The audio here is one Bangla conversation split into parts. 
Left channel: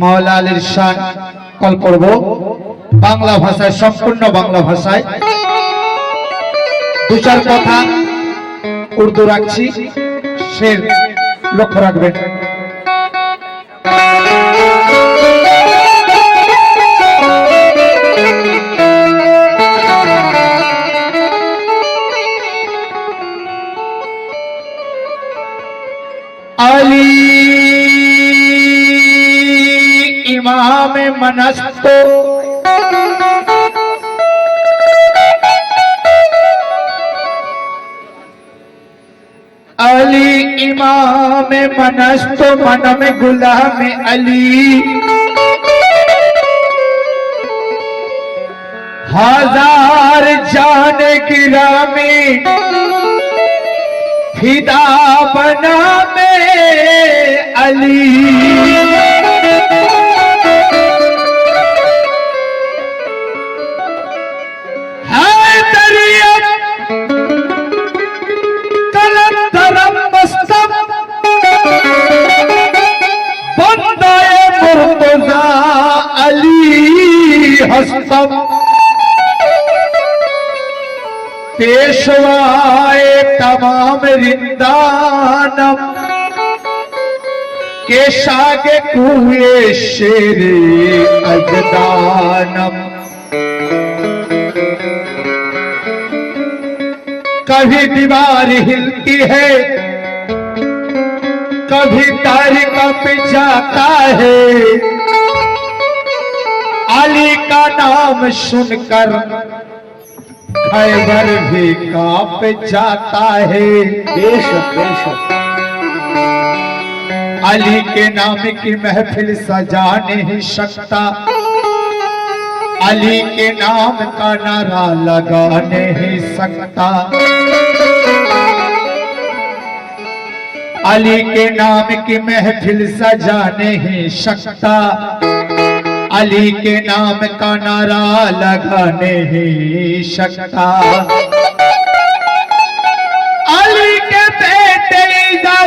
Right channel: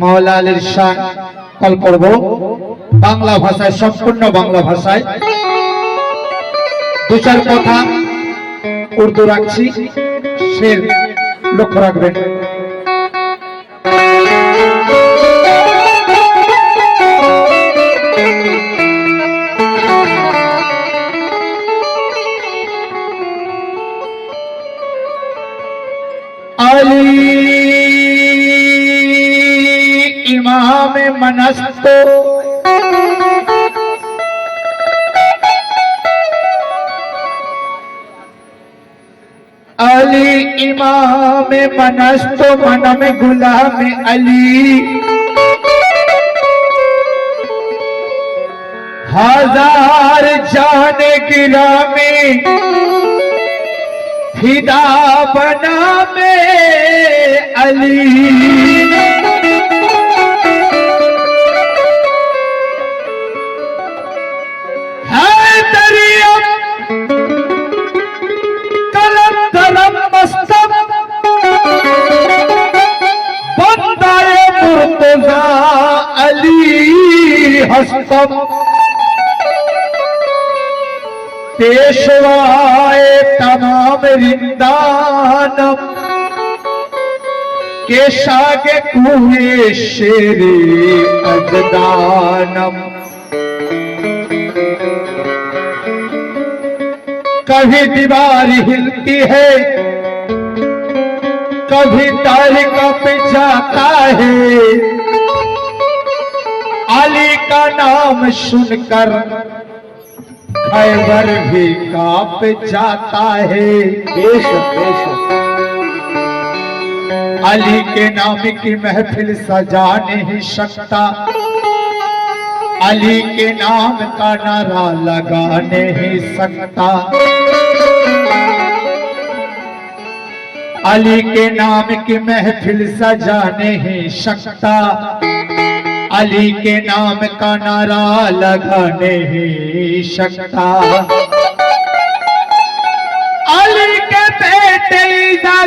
মাওলা আলীর শান কল করব বাংলা ভাষায়, সম্পূর্ণ বাংলা ভাষায়। দু চার কথা উর্দু রাখছি। সে লক্ষ্য রাখবেন। इमाम मनस्तो। अली इमाम मनस्तो मन में गुलाम अली। हज़ार जान गिरा में फिदा बना में अली। के शागे कुए शेरे अजदानम। कभी दीवार हिलती है, कभी तारिका पे जाता है। अली का नाम सुनकर खैबर भी काँप जाता है। बेशक बेशक। अली के नाम की महफिल सजा नहीं सकता अली के नाम का नारा लगा नहीं सकता अली के नाम की महफिल सजा नहीं सकता अली के नाम का नारा लगा नहीं सकता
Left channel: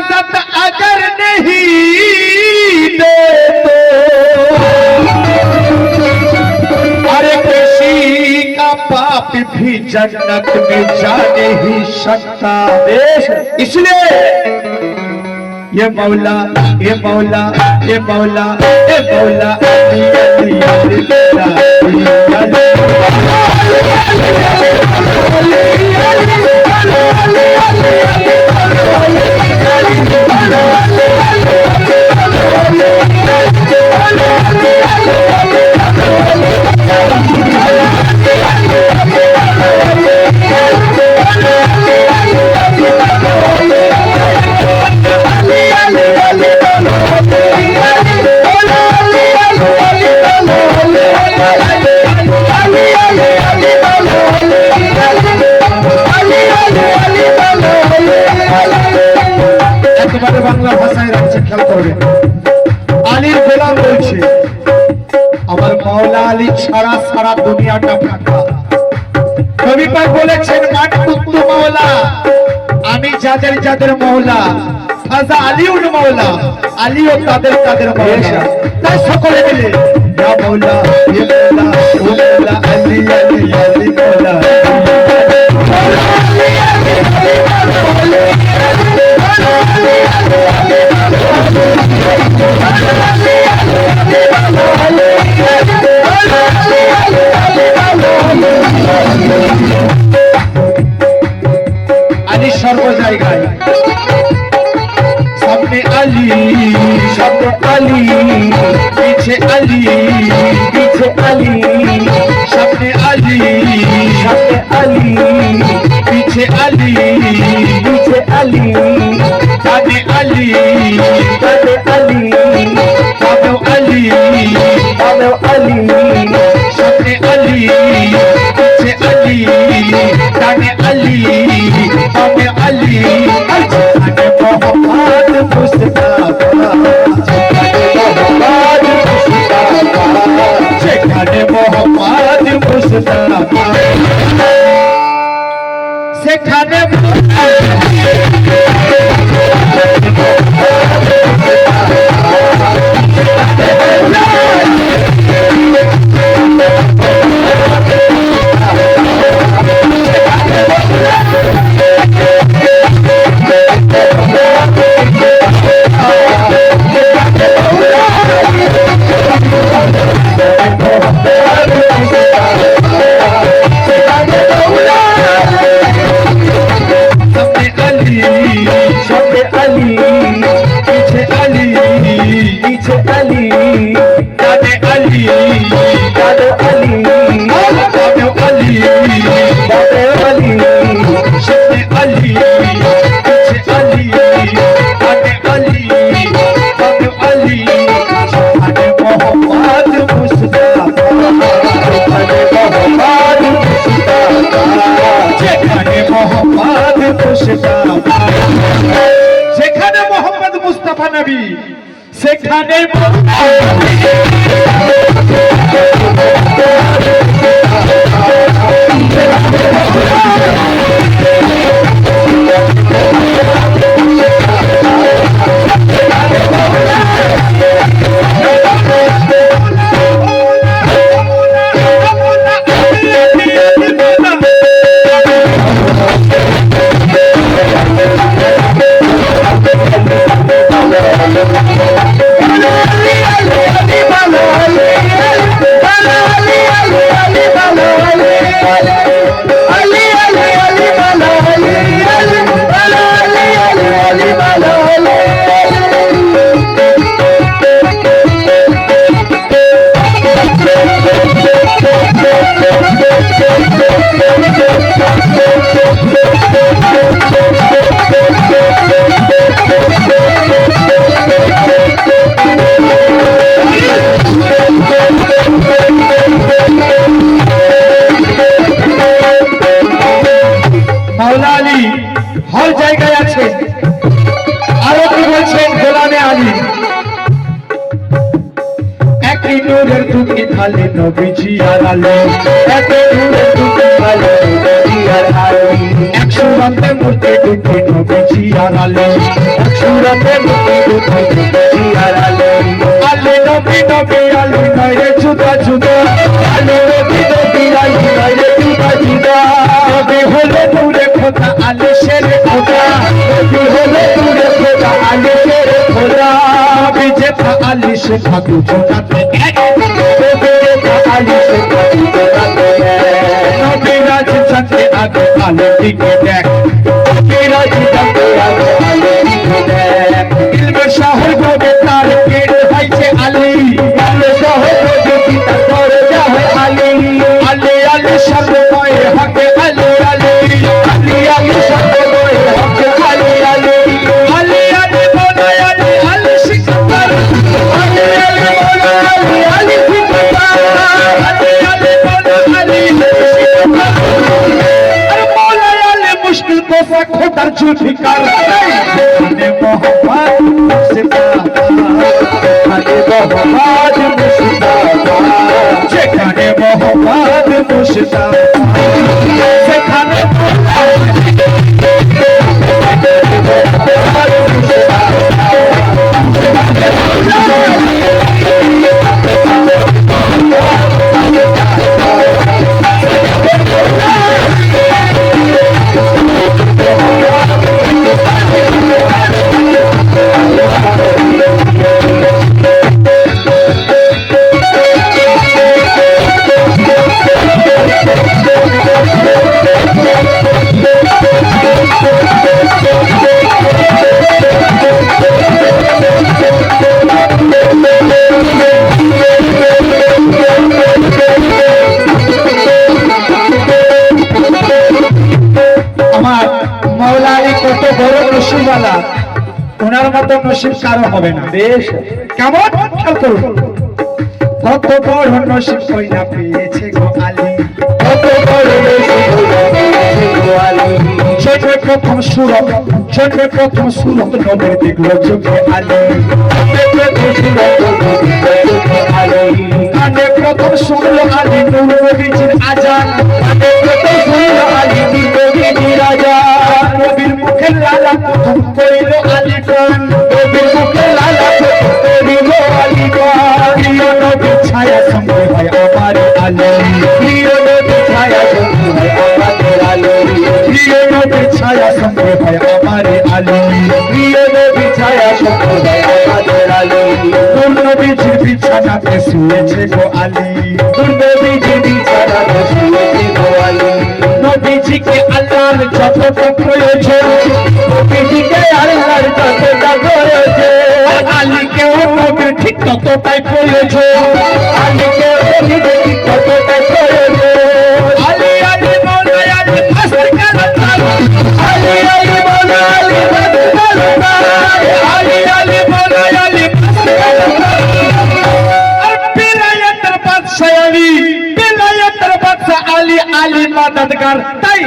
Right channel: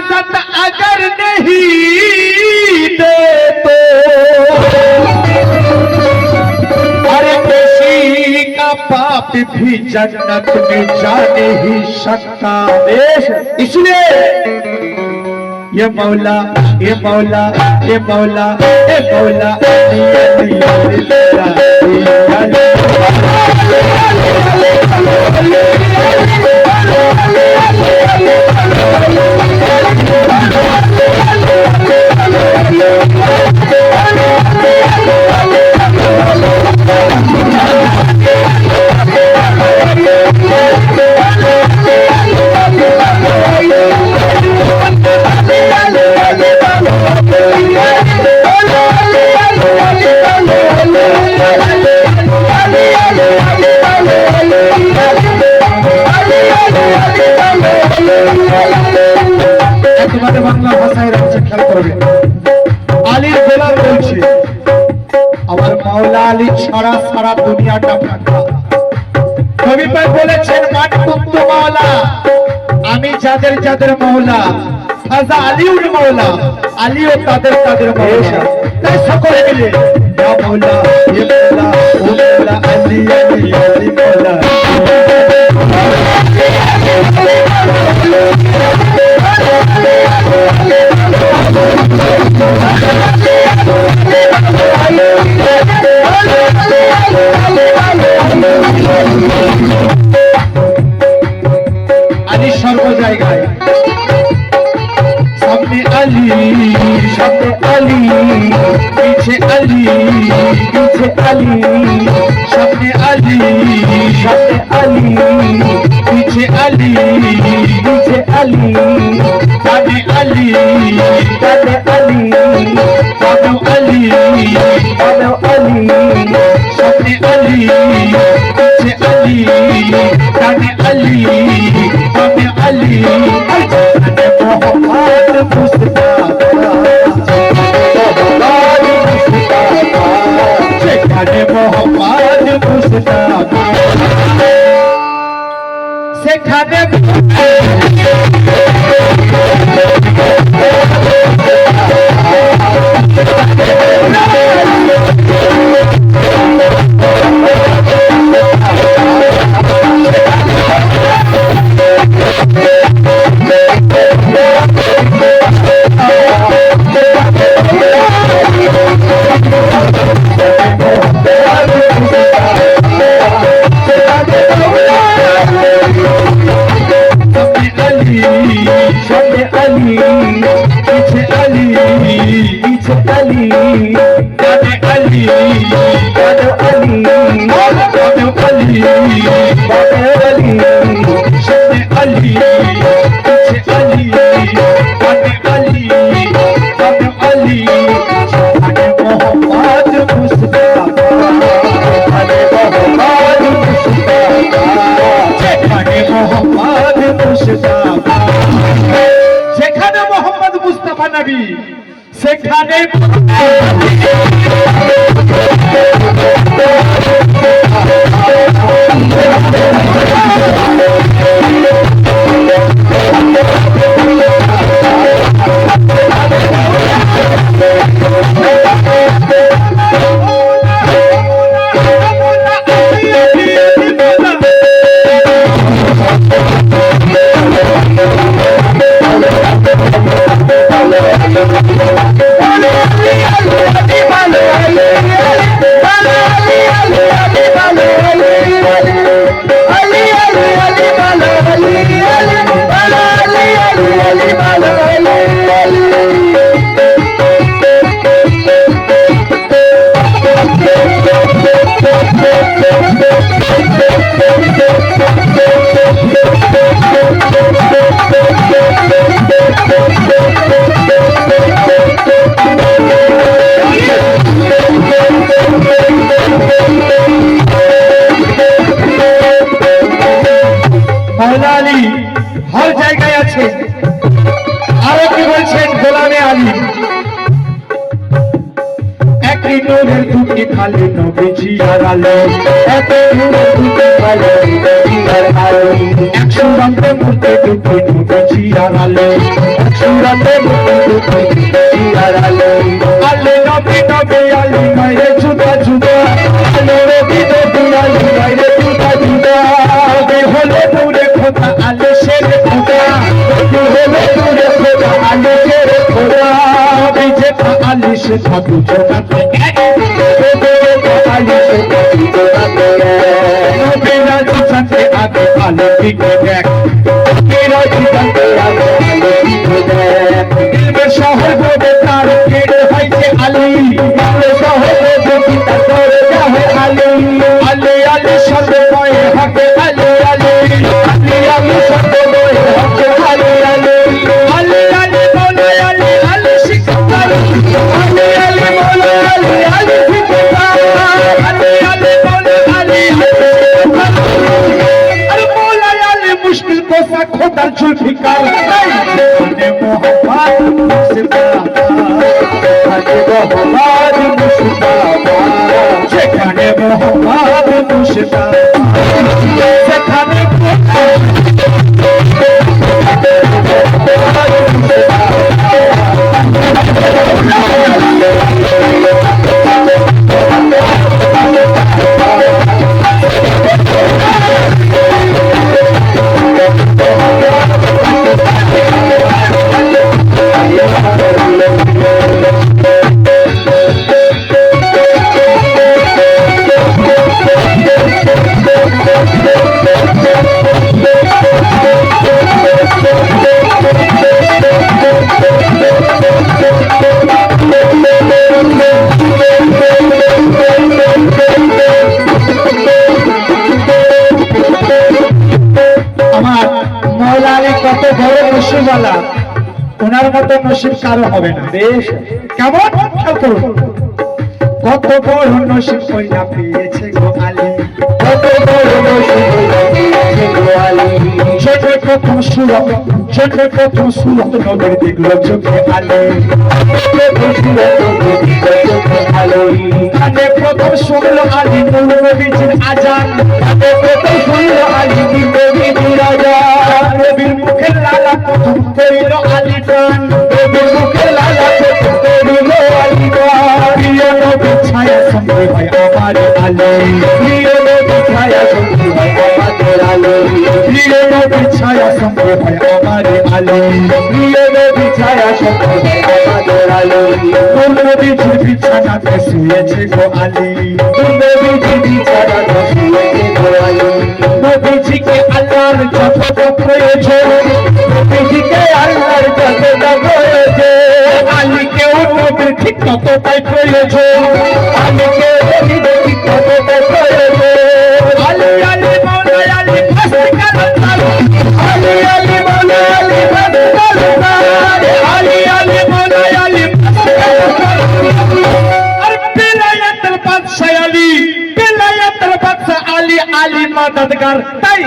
इजाज़त अगर नहीं देते अरे किसी का पाप भी जन्नत में जा नहीं सकता इसलिए ये मौला ये मौला ये मौला ये मौला अली ছাড়া সারা দুনিয়াটা কবিতা বলেছেন মান মাওলা, আমি যাদের যাদের মাওলা, ফাজা আলিউল মাওলা, আলীও তাদের তাদের মাওলা। তা সকলে মিলে ইয়া মাওলা ইয়া name of the পাশে থাকব কারও হবে না। বেশ। কেমন? ঠাকুর কত বড় নসিব কইরা পেয়েছে গো আলী। কত বড় নসিব প্রথম সুরত প্রথম সুরত নগর চোখে আলো। প্রথম শুনল আলী আজান প্রথম শুনল আলী নূর আজান নবীর মুখে লালা করিল মুখে লালা ঠিক ততটাই প্রয়োজন আমি কেউ দেখি ততটাই প্রয়োজন আলি আলি মনে আলি ফাঁসি কারণ আলি আলি মনে আলি ফাঁসি কারণ আলি আলি মনে আলি ফাঁসি কারণ বেলায়েতের বাদশাহ আলী আলী আলী তাই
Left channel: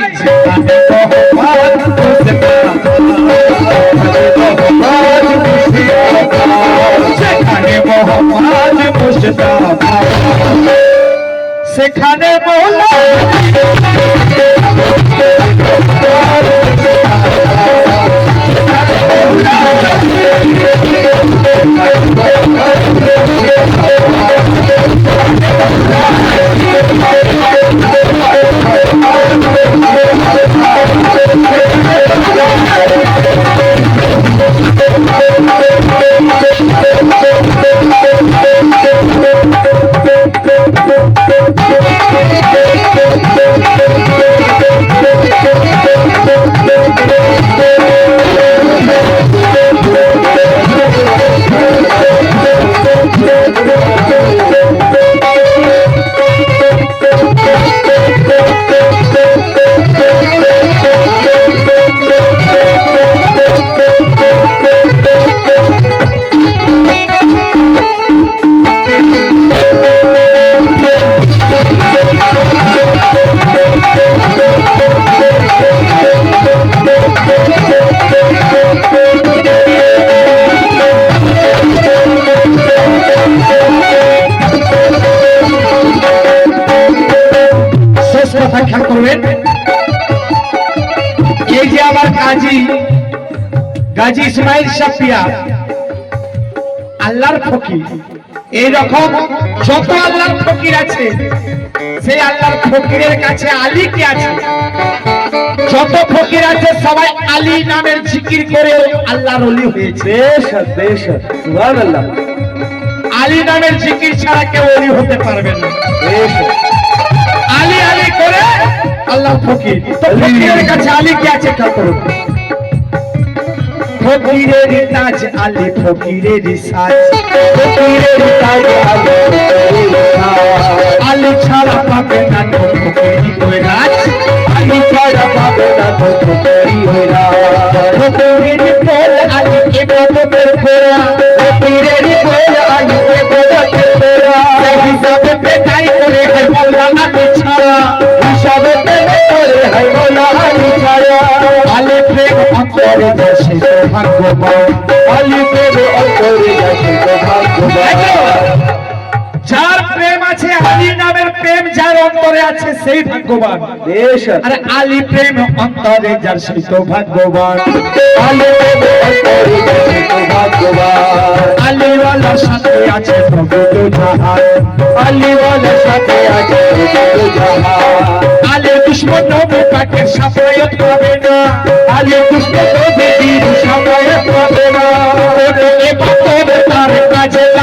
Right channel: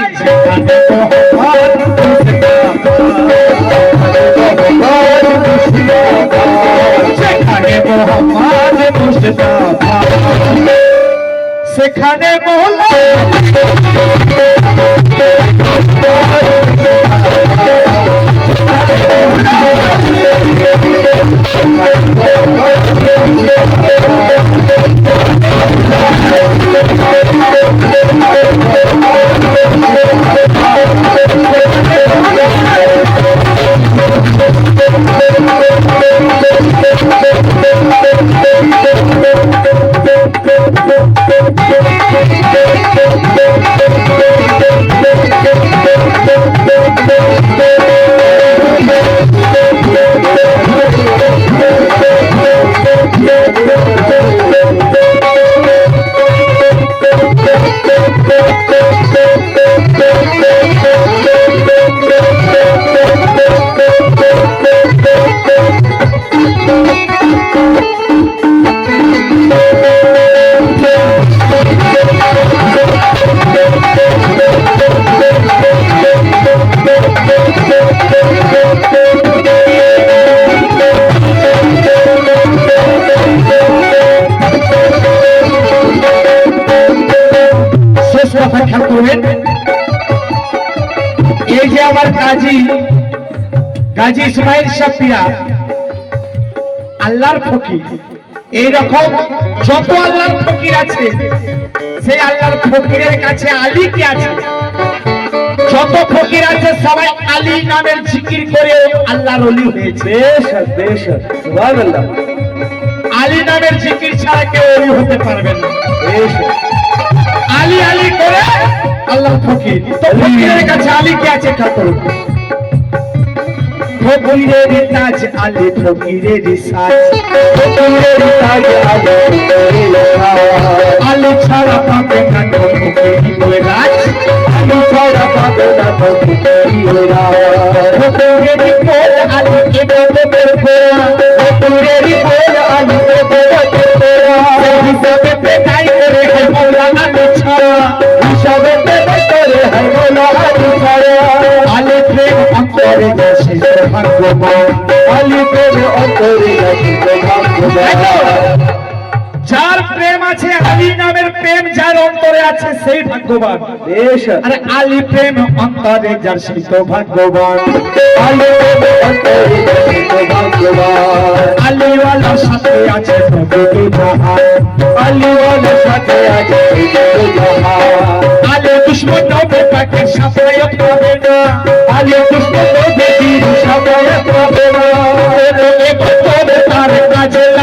সেখানে আল্লাহর ফকির। এইরকম যত আল্লাহর ফকির আছে সেই আল্লাহর ফকিরের কাছে আলী কি আছে? যত ফকির আছে সবাই আলী নামের জিকির করে আল্লাহর অলি হয়েছে। আলী নামের জিকির ছাড়া কেউ অলি হতে পারবে না। আলী আলী করে আল্লাহ ফকির। তো ফকিরের কাছে আলী কি আছে? ঠাকুর ফকিরের কাজ আলী, ফকিরের সাজ ফকিরের তাই আলী। আলী ছাড়া পাবে না তো ফকিরি কৈলাস আলী ছাড়া পাবে না তো ফকিরি হইরা। ফকিরের বল আলী ফকিরের বল আলী। হিসাবে পেটাই করে প্রেম করে আলী ভাগ্যবান আলী প্রেম অন্তরে ভাগ্যবান। যার প্রেম আছে আলী নামের প্রেম যার অন্তরে আছে সেই ভাগ্যবান। আর আলী প্রেম অন্তরে যার সেই তো ভাগ্যবান। আলী প্রেম অন্তরে আছে আলীওয়ালার সাথে আছে আলীওয়ালার সাথে আছে আলী দুশ্মন নবী পাকের পাবে না। আলী কৃষ্ণ